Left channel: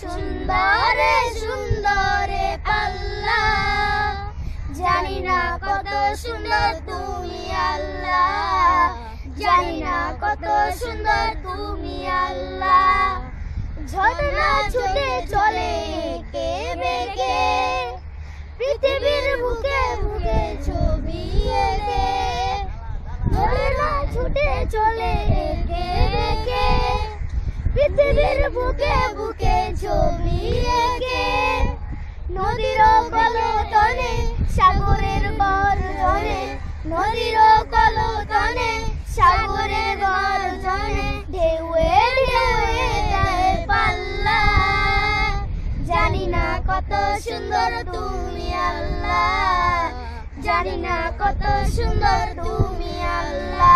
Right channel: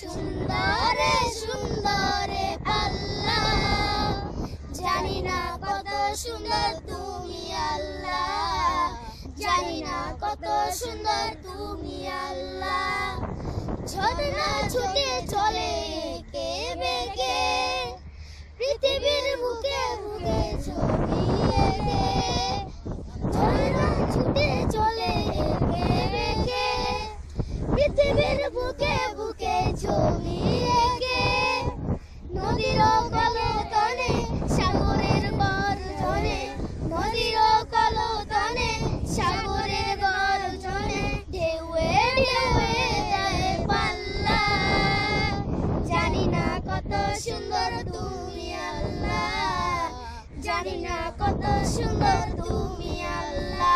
সুন্দরে সুন্দরে আল্লাহ, জানি না কত সুন্দর তুমি আল্লাহ, জানি না কত সুন্দর তুমি আল্লাহ। ঝর্ণা ছুটে চলে কে বেগে, পৃথিবীর বুকে বুকে ছবি এঁকে। ঝর্ণা ছুটে চলে কে বেগে, পৃথিবীর বুকে বুকে ছবি এঁকে। নদীর কলতনে সাগরের গর্জনে, নদীর কলতনে সাগরের গর্জনে, ঢেউয়ে ঢেউয়ে দেয় পাল্লা। জানি না কত সুন্দর তুমি আল্লাহ, জানি না কত সুন্দর তুমি আল্লাহ।